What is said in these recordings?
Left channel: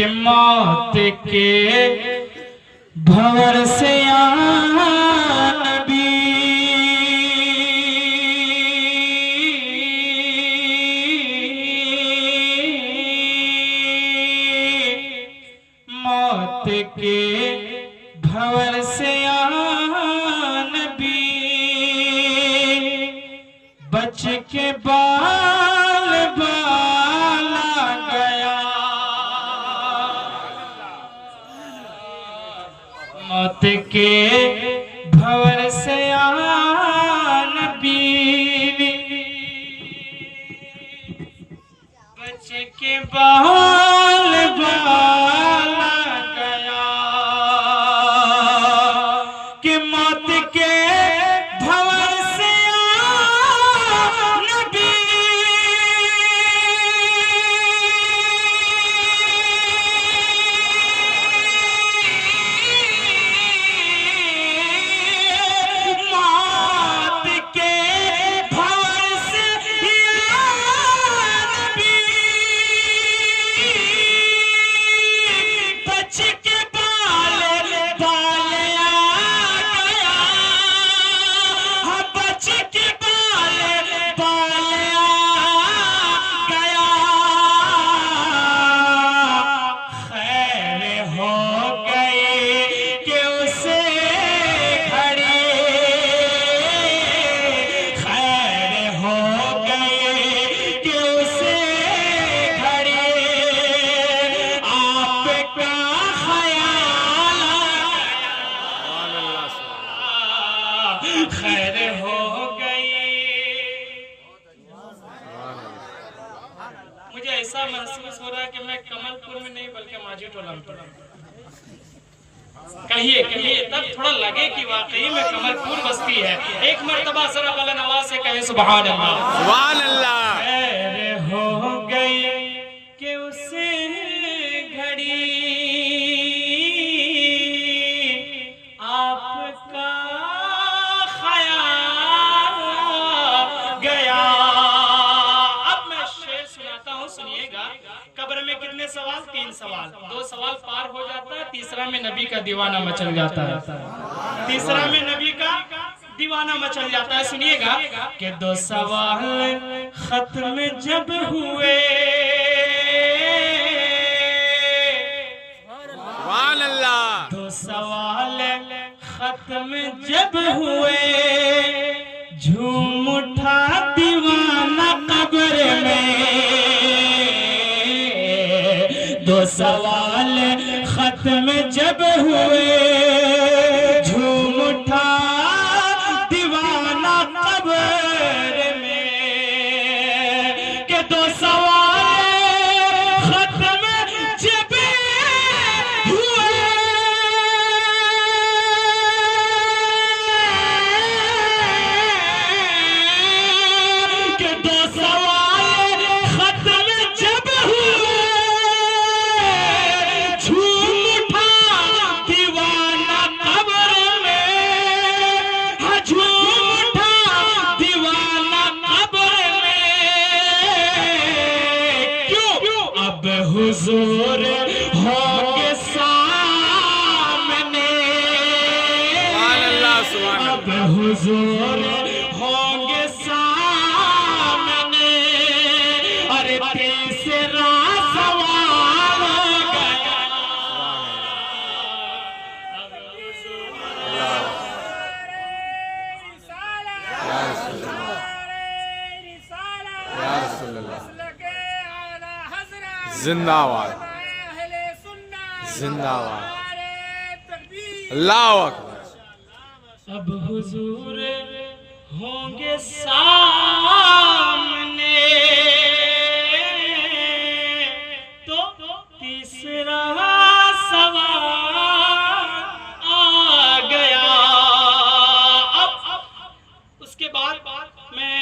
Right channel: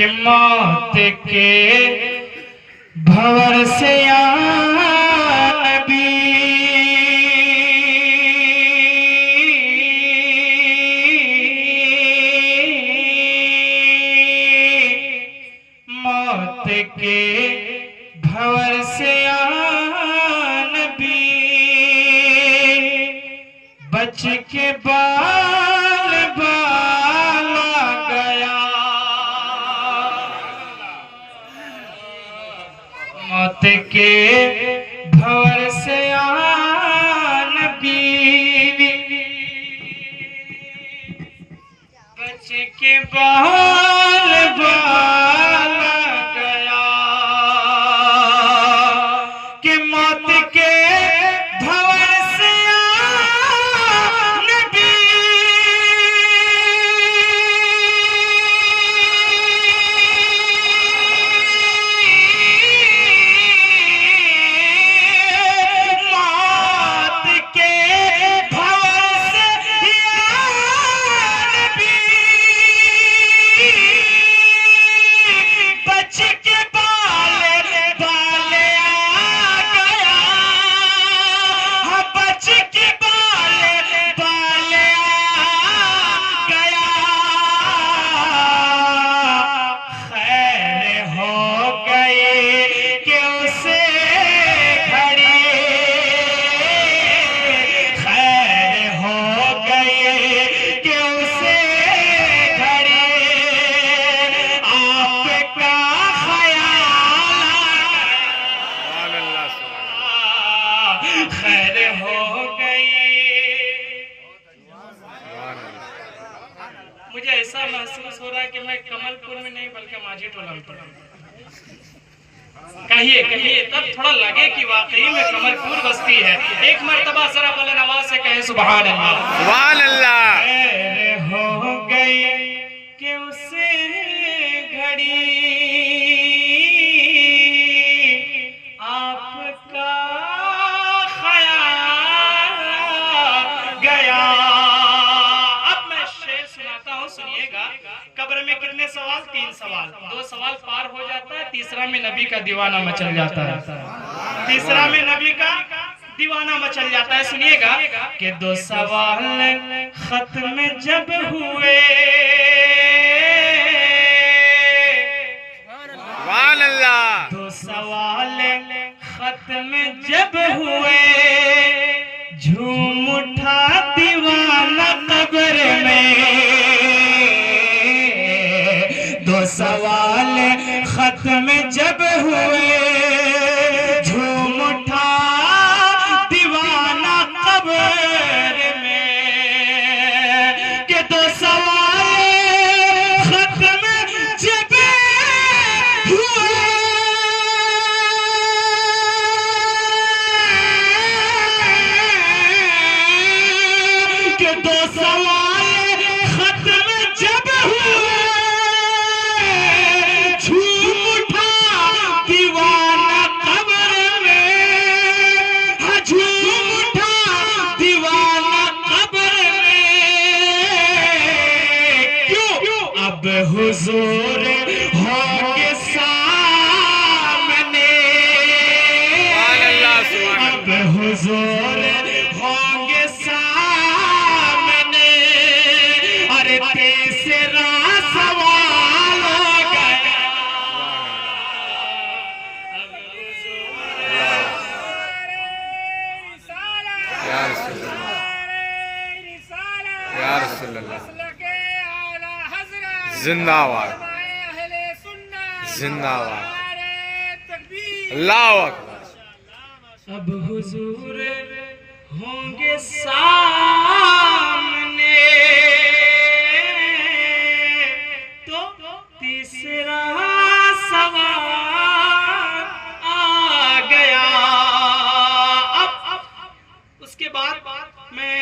کہ موت کے بھور سے یا نبی موت کے بھور سے یا نبی بچ کے بال بالا گیا موت کے بھور سے یا نبی بچ کے بال بالا گیا کہ موت کے بھور سے یا نبی موت کے بھور سے یا نبی بچ کے بال بالا گیا بچ کے بال بالا گیا خیر ہو گئی کہ اسے گھڑی خیر ہو گئی کہ اسے گھڑی آپ کا سبحان اللہ سبحان خیر ہو گئی اللہ مجھے ایسا محسوس ہو رہا ہے کہ میں کمل پور میں نہیں بلکہ ماجی ٹولہ میں پڑھا کہیے تب تھوڑا لگے کہ واقعی میں کمل پور بستی ہے ایک مرتبہ ذرا بلند آواز سے کہیں سبحان اللہ سبحان اللہ خیر ہو گئی کہ اسے گھڑی آپ کا خیال گیا اب میں شعر سناتا ہوں سنیے گا قبر میں کتنے سوال 3 سوال 2 سوال پار ہو جاتا ہے تیسرا میں نبی کا دیوانہ مچل جاتا ہے تیسرا میں نبی کا دیوانہ مچل جاتا ہے سنیے گا کہ 2 سوال ختم جب ہوئے سبحان اللہ 2 سوال ختم جب ہوئے جھوم اٹھا دیوانہ قبر میں 2 سوال ختم جب ہوئے جھوم اٹھا دیوانہ قبر میں کہ 2 سوال ختم جب ہوئے کہ 2 سوال ختم جب ہوئے جھوم اٹھا دیوانہ قبر میں جھوم اٹھا دیوانہ قبر میں کیوں اب حضور ہوں گے سامنے سبحان اللہ سبحان اب حضور ہوں گے سامنے اور تیسرا سوال ہو گیا اب حضور یا رسول اللہ یا رسول اللہ زندہ آباد زندہ آباد اللہ اکبر اب حضور ہوں گے سامنے تو تیسرا سوال آ گیا اب اس کے بعد میں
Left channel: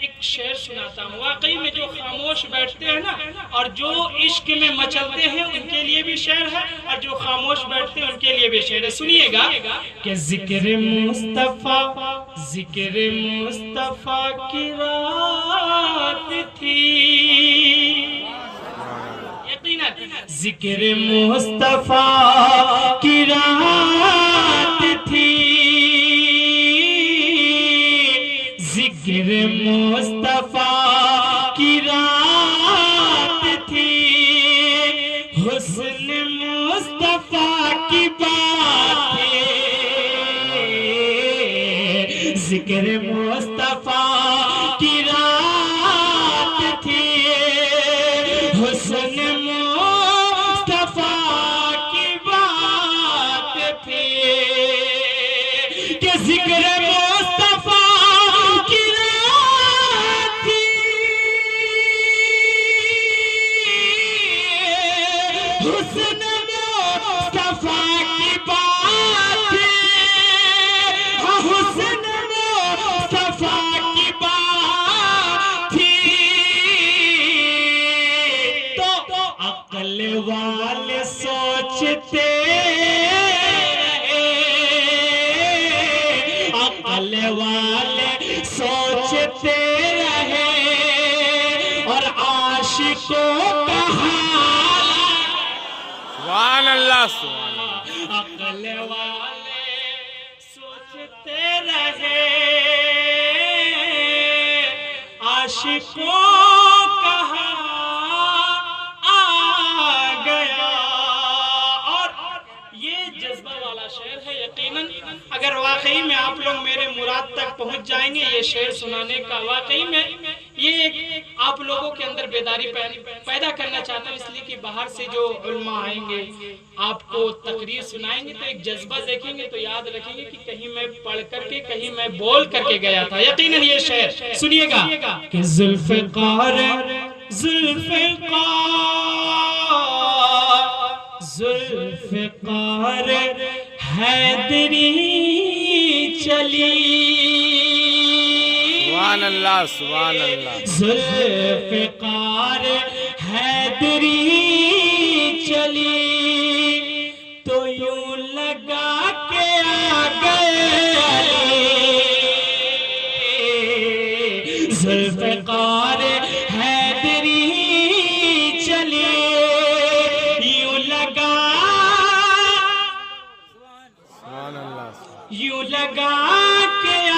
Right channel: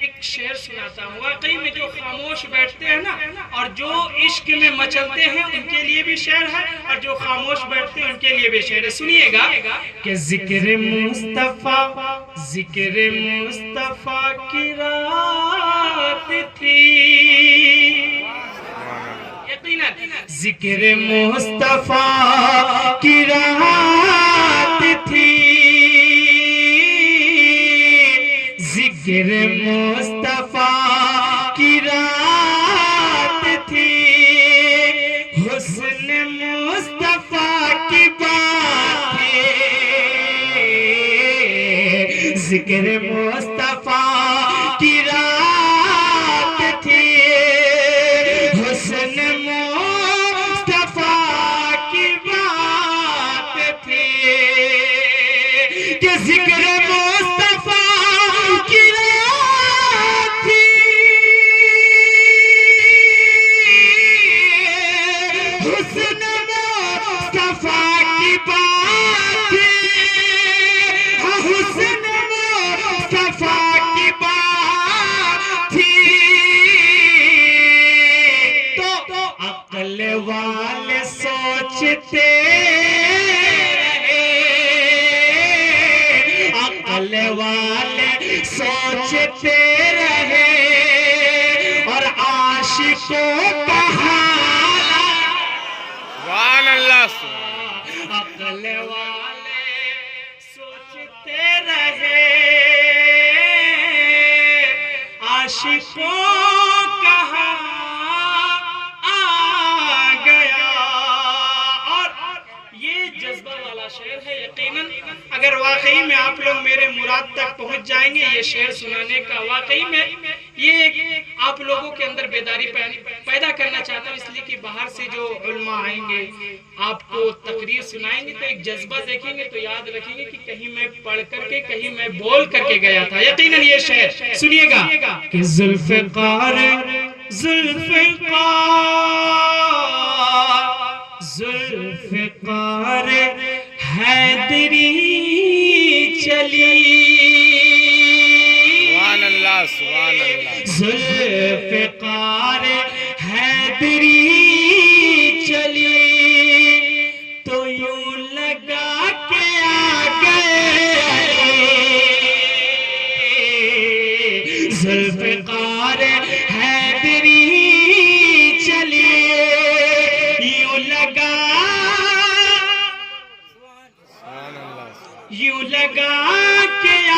ایک شعر سناتا ہوں واقعی میں جو خاموش بیٹھتے ہیں نا اور جو عشق میں مچلتے ہیں ان کے لیے بھی شعر ہے اور جو خاموش بیٹھتے ہیں ان کے لیے بھی شعر ہے سنیے گا کہ ذکر مصطفیٰ کی رات تھی یقیناً ذکر مصطفیٰ کی رات تھی، ذکر مصطفیٰ کی رات تھی، حسن مصطفیٰ کی بات تھی، ذکر مصطفیٰ کی رات تھی، حسن مصطفیٰ کی بات تھی، کہ ذکر مصطفیٰ کی رات تھی، حسن مصطفیٰ کی بات تھی، حسن مصطفیٰ کی بات تھی، تو عقل والے سوچتے رہے، عقل والے سوچتے رہے، اور عاشقوں کا حال سبحان اللہ سبحان اللہ عقل والے سوچتے رہے، عاشقوں کا حال آ گیا۔ اور یہ جذبہ والا شعر ہے، یقیناً اگر واقعی میں آپ لوگ میرے مراد تک پہنچ جائیں گے یہ شعر سنانے کا، واقعی میں یہ آپ لوگوں کے اندر بیداری پیدا کرنا چاہتا ہوں، اس لیے کہ باہر سے جو علماء آئیں گے آپ کو تقریر سنائیں گے تو ایک جذبہ دیکھیں گے تو یاد رکھیں گے کہ کہیں میں پڑھ کر کے کہیں میں بول کر کے گیا تھا۔ یقیناً یہ شعر سنیے گا کہ ذوالفقار ذوالفقار حیدری چلی، سبحان اللہ سبحان اللہ ذوالفقار حیدری چلی، تو یوں لگا کے آ گئے، ذوالفقار حیدری چلی، یوں لگا سبحان اللہ یوں لگا کے آ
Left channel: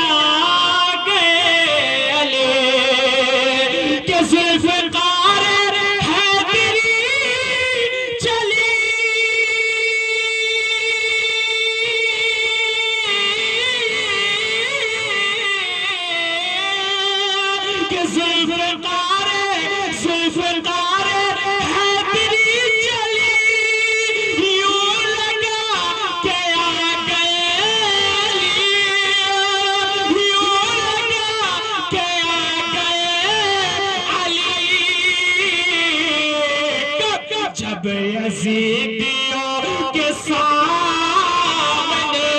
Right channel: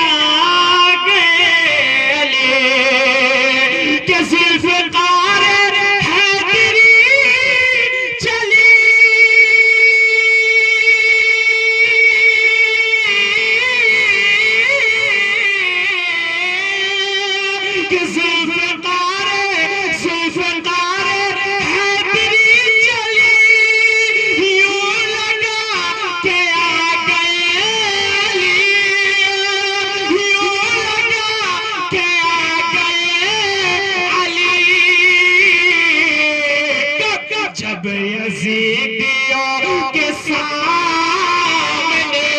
گئے علی، کہ ذوالفقار حیدری چلی، کہ ذوالفقار حیدری چلی، یوں لگا کہ آ گئے علی، یوں لگا کہ آ گئے علی، جب یزیدیوں کے سامنے،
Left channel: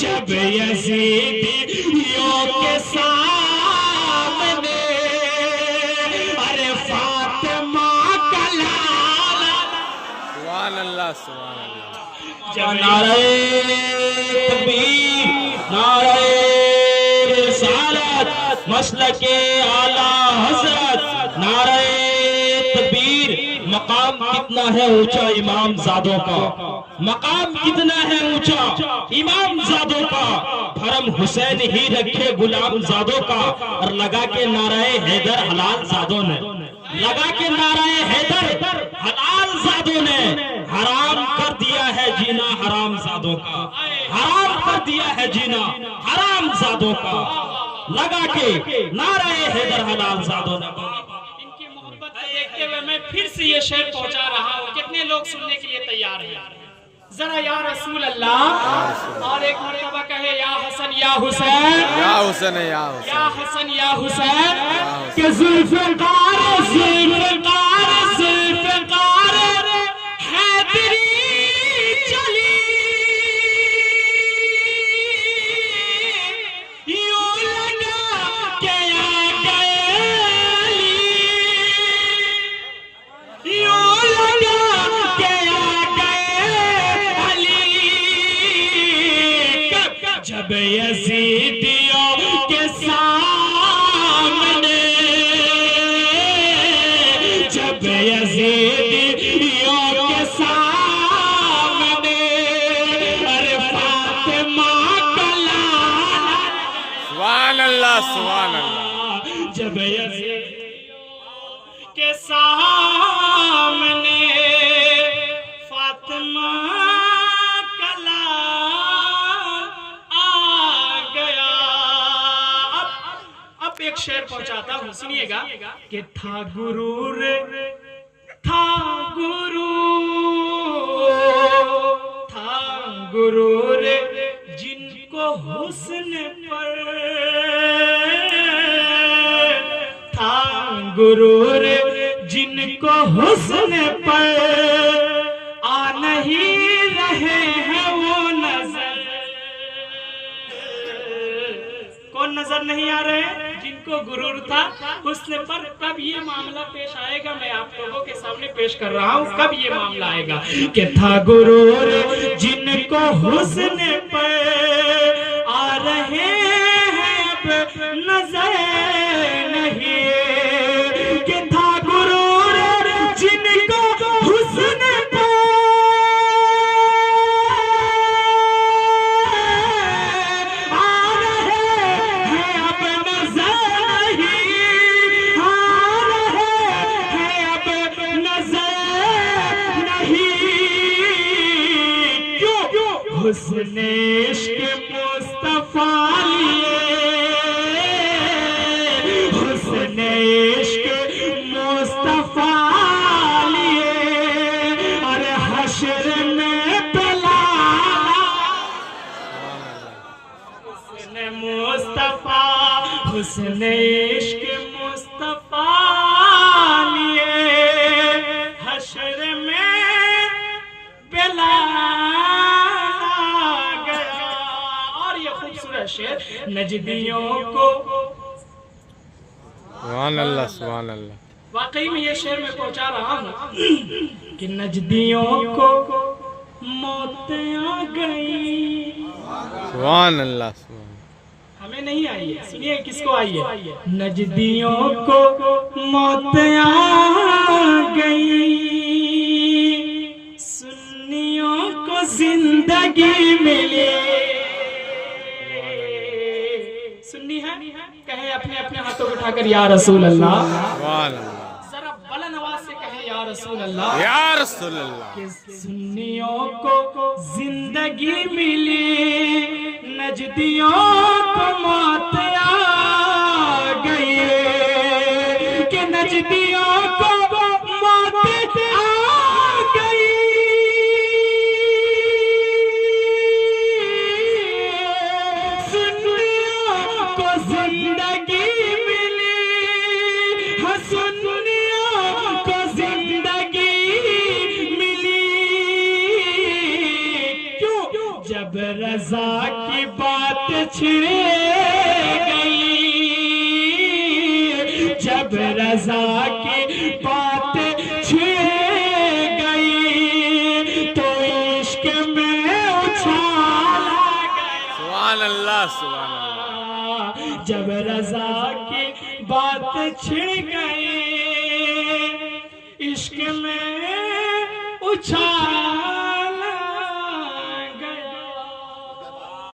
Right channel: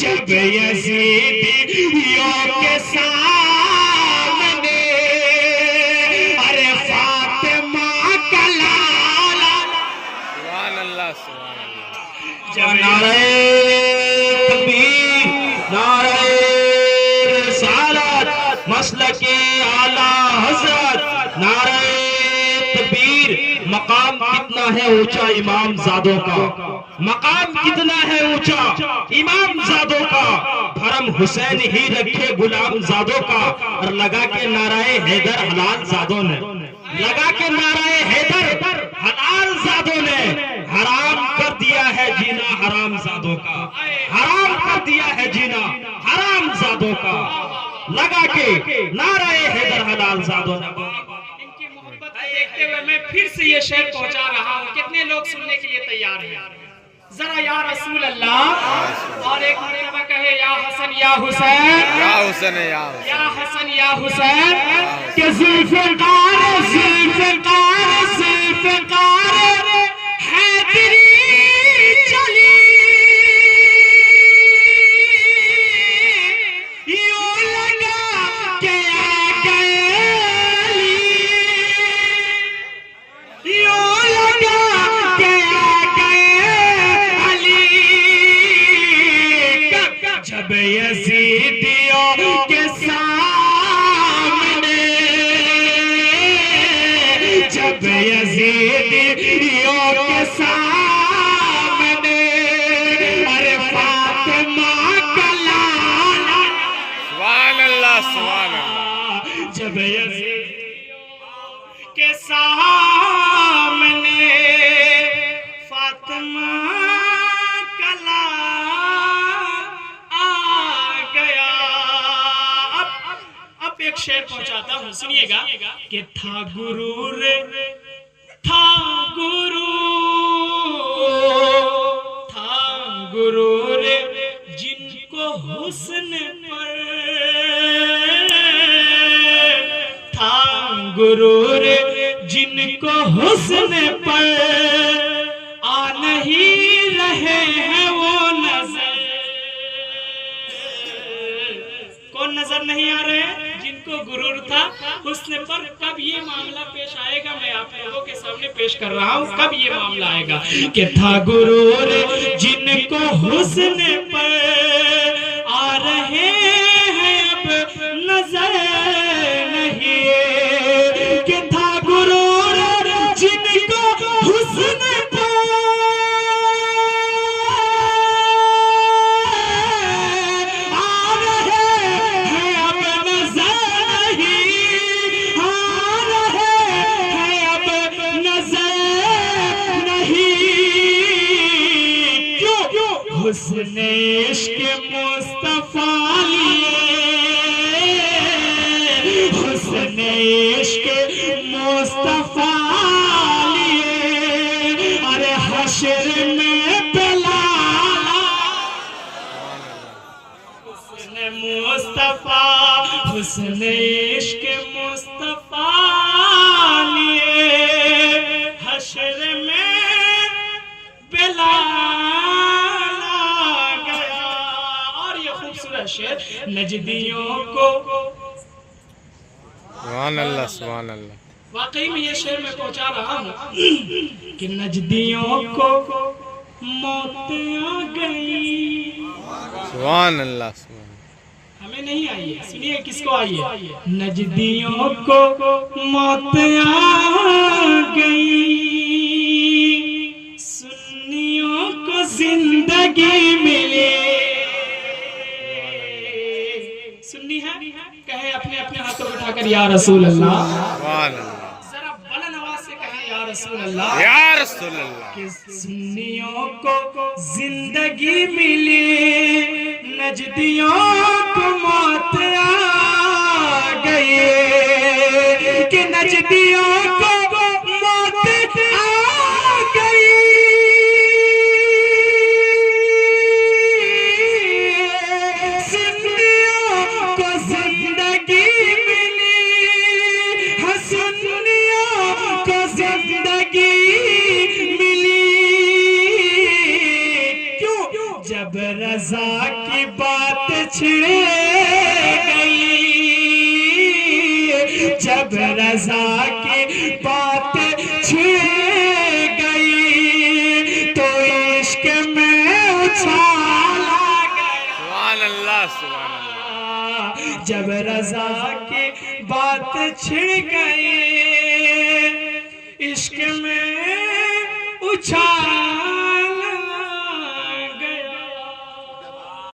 جب یزیدیوں کے سامنے، ارے فاطمہ کا لالا، سبحان اللہ سبحان اللہ نعرہ تکبیر، نعرہ رسالت، مسلک اعلیٰ حضرت، نعرہ تکبیر۔ مقام کتنا ہے اونچا امام زادوں کا، مقام کتنا ہے اونچا امام زادوں کا، دھرم حسین ہی رکھے غلام زادوں کا، اور لگا کے نعرہ حیدر حلال زادوں نے، لگا کے نعرہ حیدر حلال زادوں نے حرام کر دیا ہے جینا حرام زادوں کا، حرام کر دیا ہے جینا حرام زادوں کا، لگا کے نعرہ حیدر حلال زادوں نے۔ ان کی محبت کو دیکھتے ہوئے میں پھر سے یہ شعر پہنچا رہا ہوں، کتنے لوگ سننے کے لیے تیار ہیں؟ ذرا یا رسول اللہ، اور ایک مرتبہ کہے یا حسن یا حسین، یا حسین یا حسین یا حسن یا حسین، کہ ذوالفقار حیدری چلی، یوں لگا کہ آ گئے علی، یوں لگا کہ آ گئے علی، جب یزیدیوں کے سامنے، جب جب یزید کے سامنے فاطمہ کا لال آ گیا. اب ایک شعر پہنچاتا ہوں, سنیے گا کہ تھا غرور جن کو حسن پر تھا غرور جن کو حسن پر آ نہیں رہے ہیں وہ نظر. کون نظر نہیں آ رہے جن کو غرور تھا حسن پر؟ کب یہ معاملہ پیش آئے گا میں آپ لوگوں کے سامنے پیش کر رہا ہوں. کب یہ معاملہ آئے گا کہ تھا غرور جن کو حسن پر آ رہے ہیں اب نظر نہیں, کہ تھا غرور جن کو حسن پر آ رہے ہیں اب نظر نہیں, آ رہے ہیں اب نظر نہیں. کیوں؟ حسن عشق مصطفیٰ لیے, حسن عشق مصطفیٰ لیے, ارے حشر میں بلا حسن مصطفیٰ, حسن عشق مصطفیٰ لیے حشر میں بلال گیا. اور یہ خوبصورت شعر نجدیوں کو, سبحان اللہ سبحان اللہ. واقعی میں یہ شعر میں پہنچا رہا ہوں کہ نجدیوں کو موت آ گئی. سبحان اللہ سبحان اللہ. ہمیں نہیں آئی ہے, سنیے کس کو آئی ہے. نجدیوں کو موت آ گئی, سنیوں کو زندگی ملی. سنی ہے کہے اپنے اپنے ہاتھوں اٹھا کر یا رسول اللہ, سبحان اللہ ذرا بلند آواز سے کہے یا رسول اللہ, یا رسول اللہ. کہ سنیوں کو زندگی ملی, نجدیوں کو موت آ گئی, کہ نجدیوں کو موت آ گئی. سنیوں کو زندگی ملی, ہاں سنیوں کو زندگی ملی. کیوں؟ جب رضا کی بات چھڑ گئی, جب رضا کی بات چھڑ گئی تو عشق میں اچھالا گیا. سبحان اللہ سبحان اللہ. جب رضا کی بات چھڑ گئی عشق میں اچھالا